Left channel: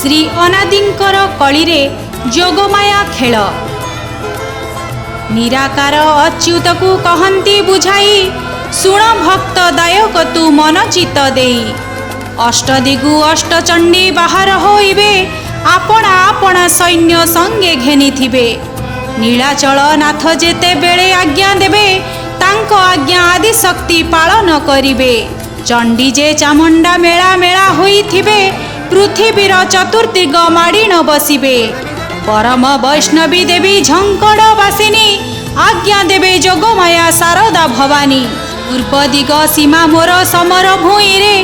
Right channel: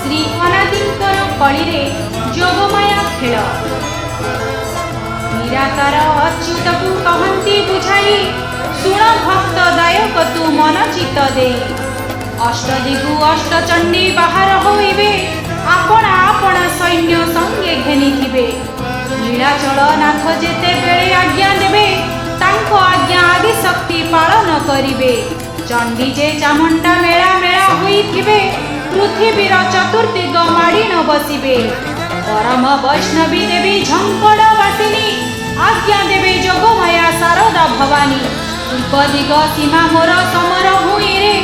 श्री अनादिंकर कलिरे जोगमाया खेल निराकार अच्युत को कहती बुझाई शुण भक्त दायक तू मन चित दे अष्टदिगु अष्टचंडी बाहर होइबे आपणा आपणा सैन्य संगे घेनी थिबे नीलाचल नाथ जेते बेले आज्ञा देबे तांको आज्ञा आदि शक्ति पालन करिबे चंडी जे चामुंडा मेला मेला होई थिबे पृथ्वीर चतुर्दिग माड़ी न बसिबे परम वैष्णवी देवी झंकड़ बासिनी आज्ञा देवे जोगमाया शारदा भवानी पूर्व दिग सीमा मोर समर भूई रे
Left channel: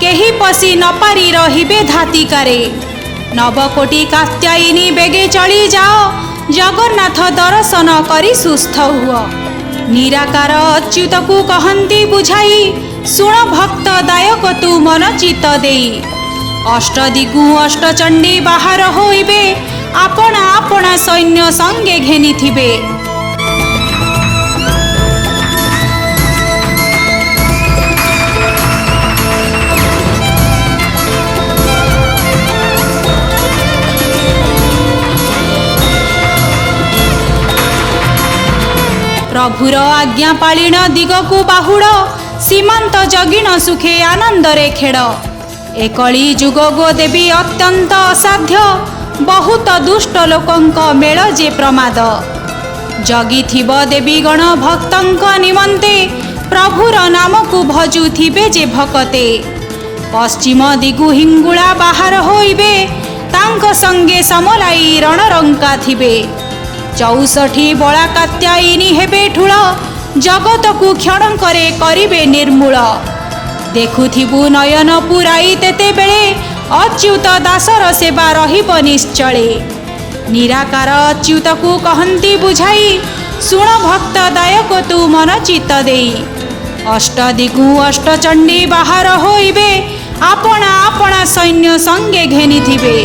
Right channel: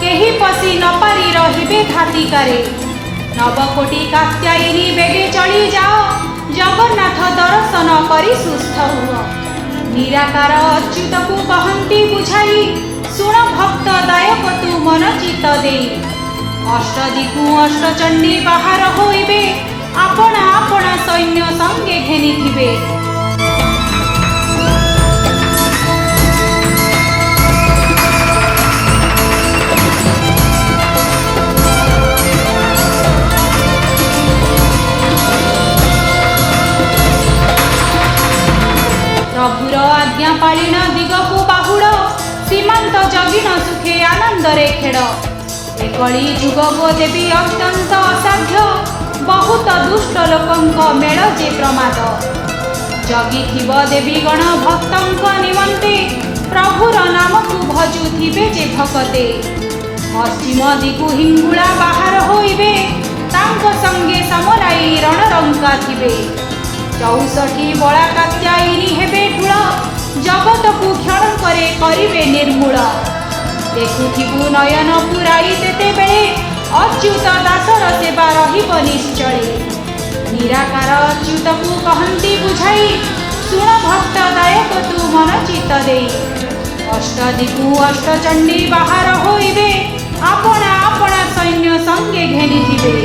केही पसी न पारी रहिबे धातिकारे नवकोटी कात्यायिनी बेगे चली जाओ जगन्नाथ दर्शन करी सुस्थ हुआ निराकार अच्युत को कहती बुझाई शुण भक्त दायक तू मन चित दे अष्टदिगु अष्टचंडी बाहर होइबे आपणा आपणा सैन्य संगे घेनी थिबे प्रभुर आज्ञा पालिन दिग को बाहुड़ सीमांत जगिन सुखे आनंद रे खेड़ एकली जुग गो देवी अत्यंत असाध्य बहुत दुष्ट लोकंक मेल जे प्रमाद जगी थिब देवी गण भक्तंक निमंते प्रभुर नाम को भजु थिबे जे भकते पश्चिम दिगु हिंगुला बाहर होइबे तांक संगे समलाई रणरंका थिबे 64 बला कात्यायिनी हेबे ठुळ जगत को क्षण करे करिबे निर्मूल देखुथिबु नयन पुराई तेते बेले अच्युत दासर सेवा रहिब निश्चले निराकार अच्युत को कहती बुझाई शुण भक्त दायक तू मन चित दे अष्टदिगु अष्टचंडी बाहर होइबे आपणा आपणा सैन्य संगे घेनी थिबे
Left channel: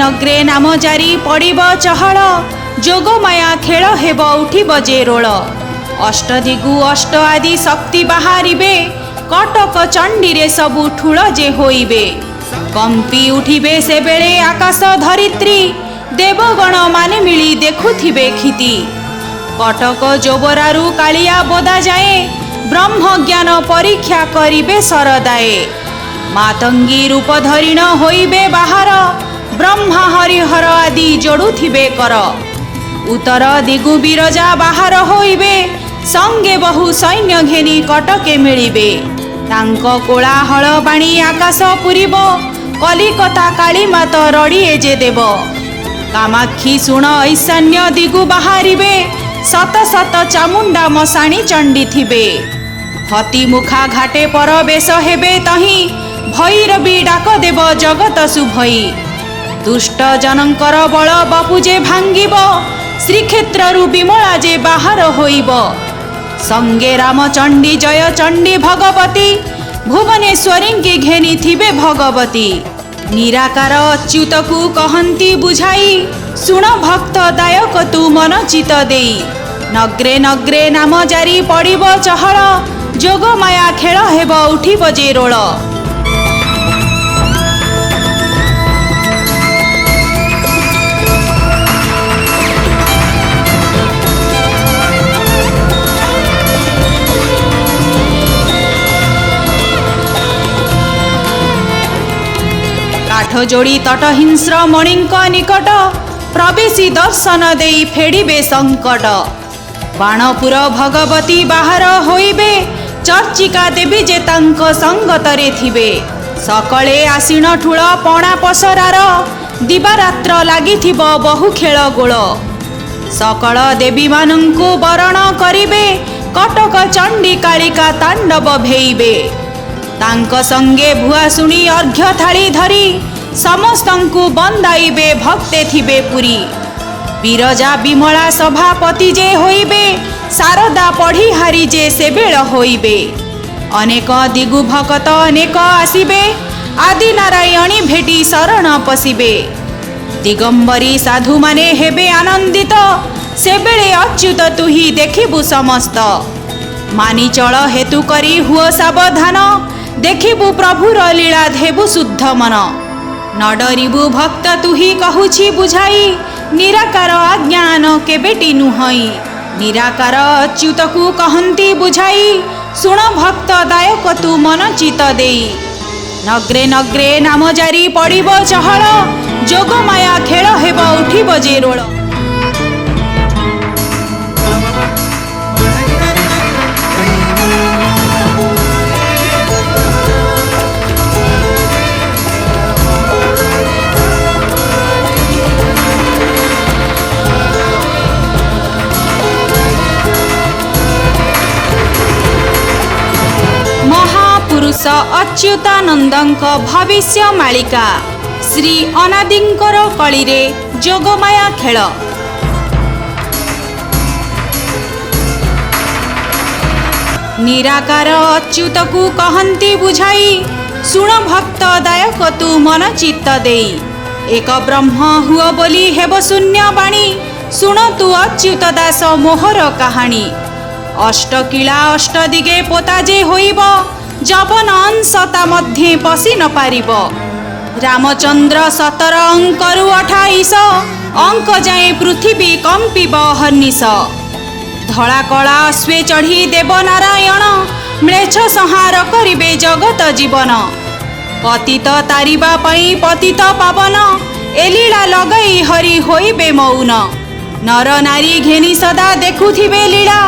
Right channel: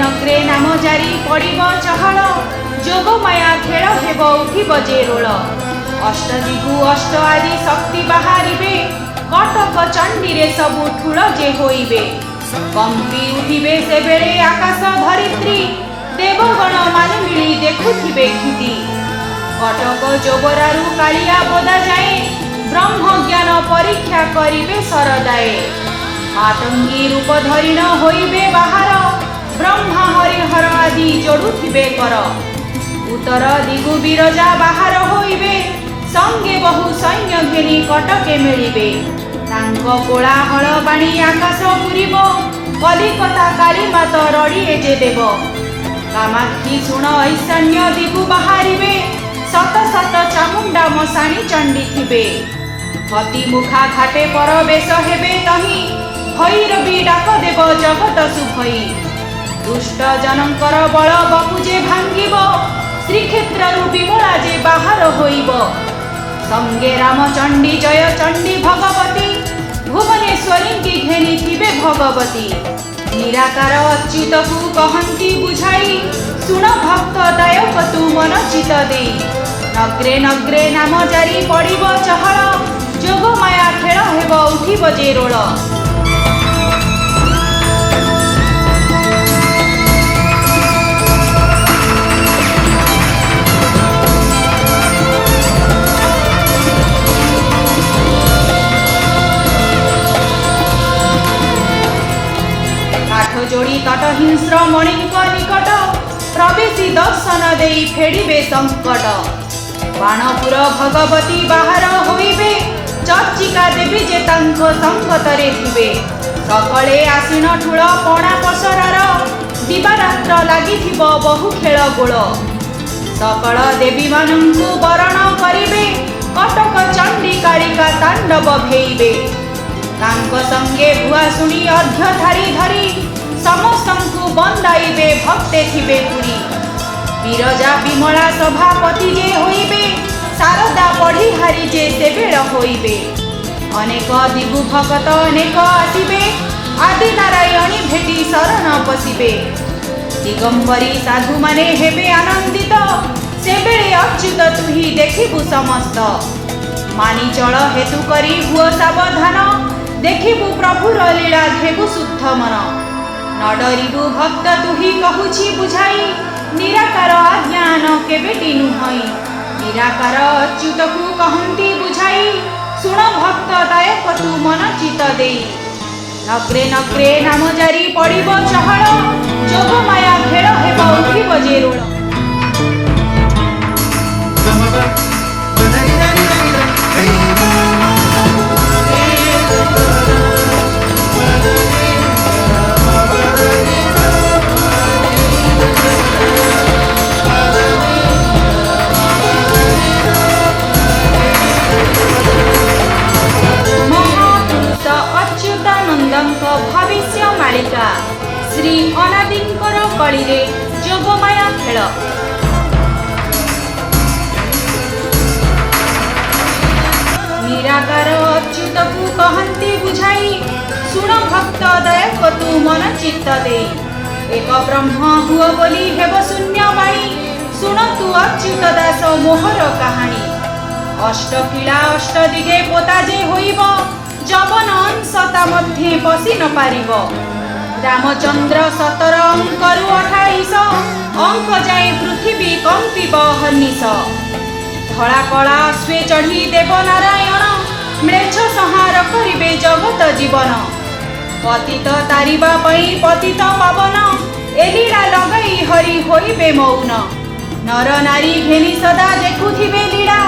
नग्रे नाम जारी पड़िब चहल जोगमाया खेल हेब उठिब जे रोल अष्टदिगु अष्ट आदि शक्ति बाहरिबे कटक चंडी रे सबु ठुल जे होइबे कंपी उठिबे से बेले आकाश धरित्री देवगण माने मिली देखुथिबे खिति कटक जोबरारु कालिया बदा जाए ब्रह्म ज्ञान परीक्षा करिबे सरदाए मातंगी रूप धरिण होइबे बाहर ब्रह्मा हरिहर आदि जोड़ुथिबे कर उत्तर दिगु बिरजा बाहर होइबे संगे बहु सैन्य घेनी कटके मिलिबे तांको कोलाहल बाणी आकाश पुरिब कलिकता काली मात रड़िए जे देव कामाक्षी शुण ईशान्य दिगु बाहरिबे शत शत चामुंडा मशाणी चंडी थिबे हति मुखा घाटे पर बेश हेबे तही भैरवी डाक देव जगत शुभई दुष्ट जनकर बल बपुजे भांगिब श्रीक्षेत्रु विमला जे बाहर होइब संगे रामचंडी जय चंडी भगवती भुवनेश्वरी की घेनी थिबे भगवती निराकार अच्युत को कहती बुझाई शुण भक्त दायक तू मन चित दे नग्रे नग्रे नाम जारी पड़िब चहल जोगमाया खेल हेब उठिब जे रोल जोड़ी तटहिंस्र मणिंक निकट प्रवेशी दर्शन देई फेड़िबे संकट बाणपुर भगवती बाहर होइबे चर्चिका देवी जे तांक संगतरे थिबे सकले आसीन ठुळ पणा पसरार दिवारात्र लागिथिब बहु खेल गोल सकल देवी मानंकु वरण करिबे कटक चंडी कालिका तांडव भेइबे तांक संगे भुआ सुनी अर्घ्य थाली धरी समस्तंकु बंदाइबे भक्ते थिबे पुरी ବିରଜା ବିମଳା ସଭାପତି ଯେ ହୋଇବେ, ଶାରଦା ପଢ଼ି ହାରି ଯେ ସେବେଳ ହୋଇବେ। ଅନେକ ଦିଗୁ ଭଗତ ଅନେକ ଆସିବେ, ଆଦି ନାରାୟଣୀ ଭେଟି ଶରଣ ପଶିବେ। ଦିଗମ୍ବରୀ ସାଧୁମାନେ ହେବେ ଆନନ୍ଦିତ, ସେବେଳେ ଅଚ୍ୟୁତ ତୁହି ଦେଖିବୁ ସମସ୍ତ। ମାନିଚଳ ହେତୁ କରି ହୁଅ ସାବଧାନ, ଦେଖିବୁ ପ୍ରଭୁର ଲୀଳା ଦେବୁ ଶୁଦ୍ଧ ମନ। ନ ଡରିବୁ ଭକ୍ତ ତୁହି କହୁଛି ବୁଝାଇ, ନିରାକାର ଆଜ୍ଞାନ କେବେଟି ନୁହଁଇ। ନିରାକାର ଅଚ୍ୟୁତକୁ କହନ୍ତି ବୁଝାଇ, ଶୁଣ ଭକ୍ତ ଦାୟକ ତୁ ମନ ଚିତ ଦେଇ। ନଗ୍ରେ ନଗ୍ରେ ନାମ ଜାରି ପଡ଼ିବ ଚହଳ, ଯୋଗମାୟା ଖେଳ ହେବ ଉଠିବ ଯେ ରୋଳ। ଅଚ୍ୟୁତାନନ୍ଦଙ୍କ ଭବିଷ୍ୟ ମାଳିକା ଶ୍ରୀ ଅନାଦିଙ୍କର କଳିରେ ଯୋଗମାୟା ଖେଳ। ନିରାକାର ଅଚ୍ୟୁତକୁ କହନ୍ତି ବୁଝାଇ, ଶୁଣ ଭକ୍ତ ଦାୟକ ତୁ ମନ ଚିତ୍ତ ଦେଇ। ଏକ ବ୍ରହ୍ମ ହୁଅ ବୋଲି ହେବ ଶୂନ୍ୟବାଣୀ, ଶୁଣ ତୁ ଅଚ୍ୟୁତ ଦାସ ମୋହର କାହାଣୀ। ଅଷ୍ଟକିଳା ଅଷ୍ଟଦିଗେ ପୋତା ଯେ ହୋଇବ, ଯବନ ଅଂଶ ତା ମଧ୍ୟେ ପଶି ନ ପାରିବ। ରାମଚନ୍ଦ୍ର 17 ଅଙ୍କରୁ 28 ଅଙ୍କ ଯାଏ ପୃଥିବୀ କମ୍ପିବ ହର୍ନିଶ। ଧଳା କଳା ଅଶ୍ଵେ ଚଢ଼ି ଦେବ ନାରାୟଣ, ମ୍ଲେଚ୍ଛ ସଂହାର କରିବେ ଜଗତ ଜୀବନ। ପତିତ ତାରିବା ପାଇଁ ପତିତ ପାବନ, ଏ ଲୀଳା ଲଗାଇ ହରି ହୋଇବେ ମୌନ। ନର ନାରୀ ଘେନି ସଦା ଦେଖୁଥିବେ ଲୀଳା,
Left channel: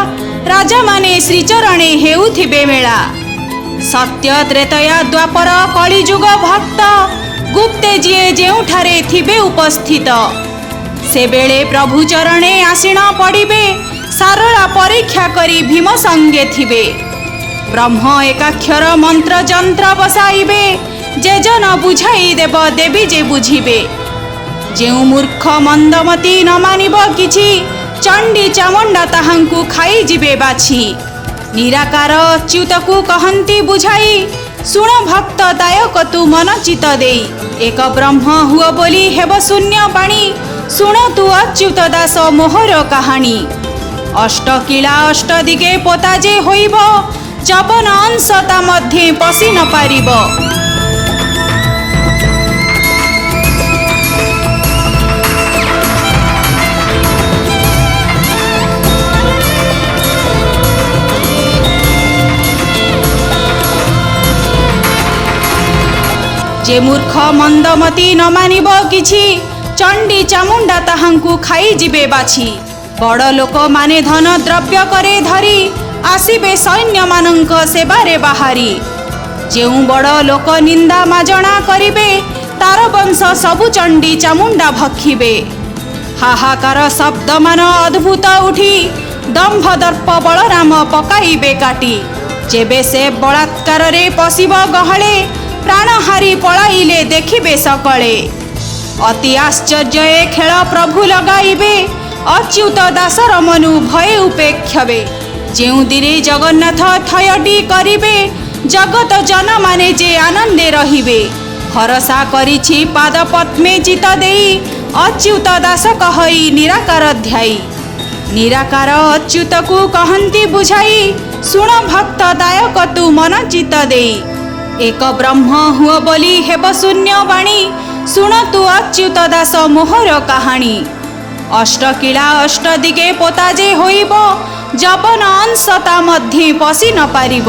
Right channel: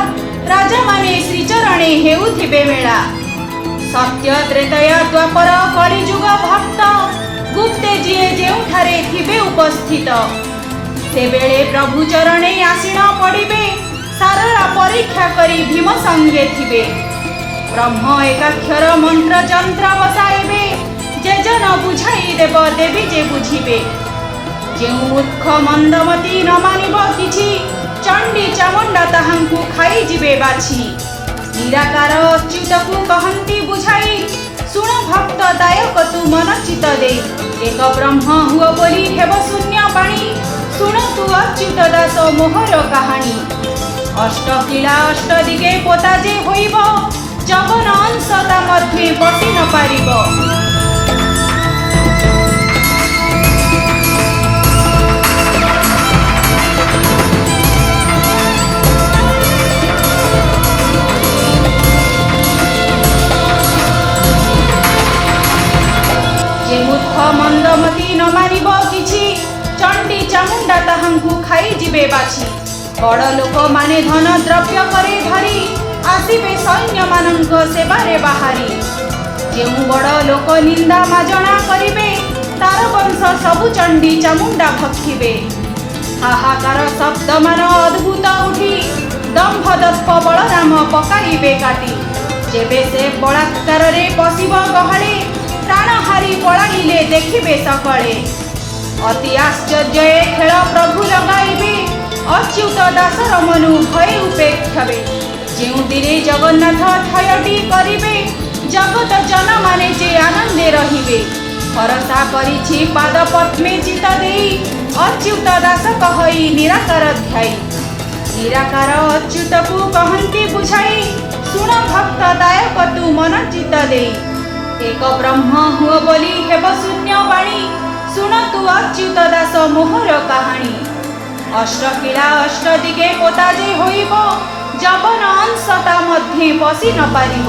ରାଜାମାନେ ଶ୍ରୀଚରଣେ ହେଉଥିବେ ମେଳା। ସତ୍ୟ ତ୍ରେତୟା ଦ୍ୱାପର କଳିଯୁଗ ଭକ୍ତ, ଗୁପ୍ତେ ଯିଏ ଯେଉଁଠାରେ ଥିବେ ଉପସ୍ଥିତ। ସେବେଳେ ପ୍ରଭୁ ଚରଣେ ଆସିଣ ପଡ଼ିବେ, ସାରଳ ପରୀକ୍ଷା କରି ଭୀମ ସଙ୍ଗେ ଥିବେ। ବ୍ରହ୍ମ ଏକାକ୍ଷର ମନ୍ତ୍ର ଯନ୍ତ୍ର ବସାଇବେ, ଯେ ଜନ ବୁଝାଇ ଦେବ ଦେବୀ ଯେ ବୁଝିବେ। ଯେଉଁ ମୂର୍ଖ ମନ୍ଦମତି ନ ମାନିବ କିଛି, ଚଣ୍ଡୀ ଚାମୁଣ୍ଡା ତାହାଙ୍କୁ ଖାଇଯିବେ ବାଛି। ନିରାକାର ଅଚ୍ୟୁତକୁ କହନ୍ତି ବୁଝାଇ, ଶୁଣ ଭକ୍ତ ଦାୟକ ତୁ ମନ ଚିତ ଦେଇ। ଏକ ବ୍ରହ୍ମ ହୁଅ ବୋଲି ହେବ ଶୂନ୍ୟ ପାଣି, ଶୁଣ ତୁ ଅଚ୍ୟୁତ ଦାସ ମୋହର କାହାଣୀ। ଅଷ୍ଟକିଳା ଅଷ୍ଟଦିଗେ ପୋତା ଯେ ହୋଇବ, ଯବନ ଅଂଶ ତା ମଧ୍ୟେ ପଶି ନ ପାରିବ। ଯେ ମୂର୍ଖ ମନ୍ଦମତି ନ ମାନିବ କିଛି, ଚଣ୍ଡୀ ଚାମୁଣ୍ଡା ତାହାଙ୍କୁ ଖାଇଯିବେ ବାଛି। ବଡ଼ ଲୋକମାନେ ଧନ ଦ୍ରବ୍ୟ ପରେ ଧରି, ଆସିବେ ସୈନ୍ୟମାନଙ୍କ ସେବାରେ ବାହାରି। ଯେଉଁ ବଡ଼ ଲୋକ ନିନ୍ଦା ମାଜଣା କରିବେ, ତାର ବଂଶ ସବୁ ଚଣ୍ଡୀ ଚାମୁଣ୍ଡା ଭକ୍ଷିବେ। ହାହାକାର ଶବ୍ଦମାନ ଅଦ୍ଭୁତ ଉଠି, ଦମ୍ଭ ଦର୍ପ ବଳରାମ ପକାଇବେ କାଟି। ଯେବେ ସେ ବଳାତ୍କାରରେ ପଶିବ ଗହଳେ, ପ୍ରାଣହାରି ପଳାଇଲେ ଦେଖିବେ ସକଳେ। ଅତି ଆଶ୍ଚର୍ଯ୍ୟ ଏ ଖେଳ ପ୍ରଭୁ ଲଗାଇବେ, ଅଚ୍ୟୁତ ଦାସର ମନୁ ଭୟ ଉପେକ୍ଷବେ। ଯେଉଁଦିନେ ଜଗନ୍ନାଥ ଥୟଟି କରିବେ, ଜଗତ ଜନମାନେ ଯେ ଆନନ୍ଦେ ରହିବେ। ଭରସା କରିଛି ପାଦ ପଦ୍ମେ ଚିତ ଦେଇ, ଅଚ୍ୟୁତ ଦାସ କହଇ ନିରାକାର ଧ୍ୟାଇ। ନିରାକାର ଅଚ୍ୟୁତକୁ କହନ୍ତି ବୁଝାଇ, ଶୁଣ ଭକ୍ତ ଦାୟକ ତୁ ମନ ଚିତ ଦେଇ। ଏକ ବ୍ରହ୍ମ ହୁଅ ବୋଲି ହେବ ଶୂନ୍ୟ ବାଣୀ, ଶୁଣ ତୁ ଅଚ୍ୟୁତ ଦାସ ମୋହର କାହାଣୀ। ଅଷ୍ଟକିଳା ଅଷ୍ଟଦିଗେ ପୋତା ଯେ ହୋଇବ, ଯବନ ଅଂଶ ତା ମଧ୍ୟେ ପଶି ନ ପାରିବ।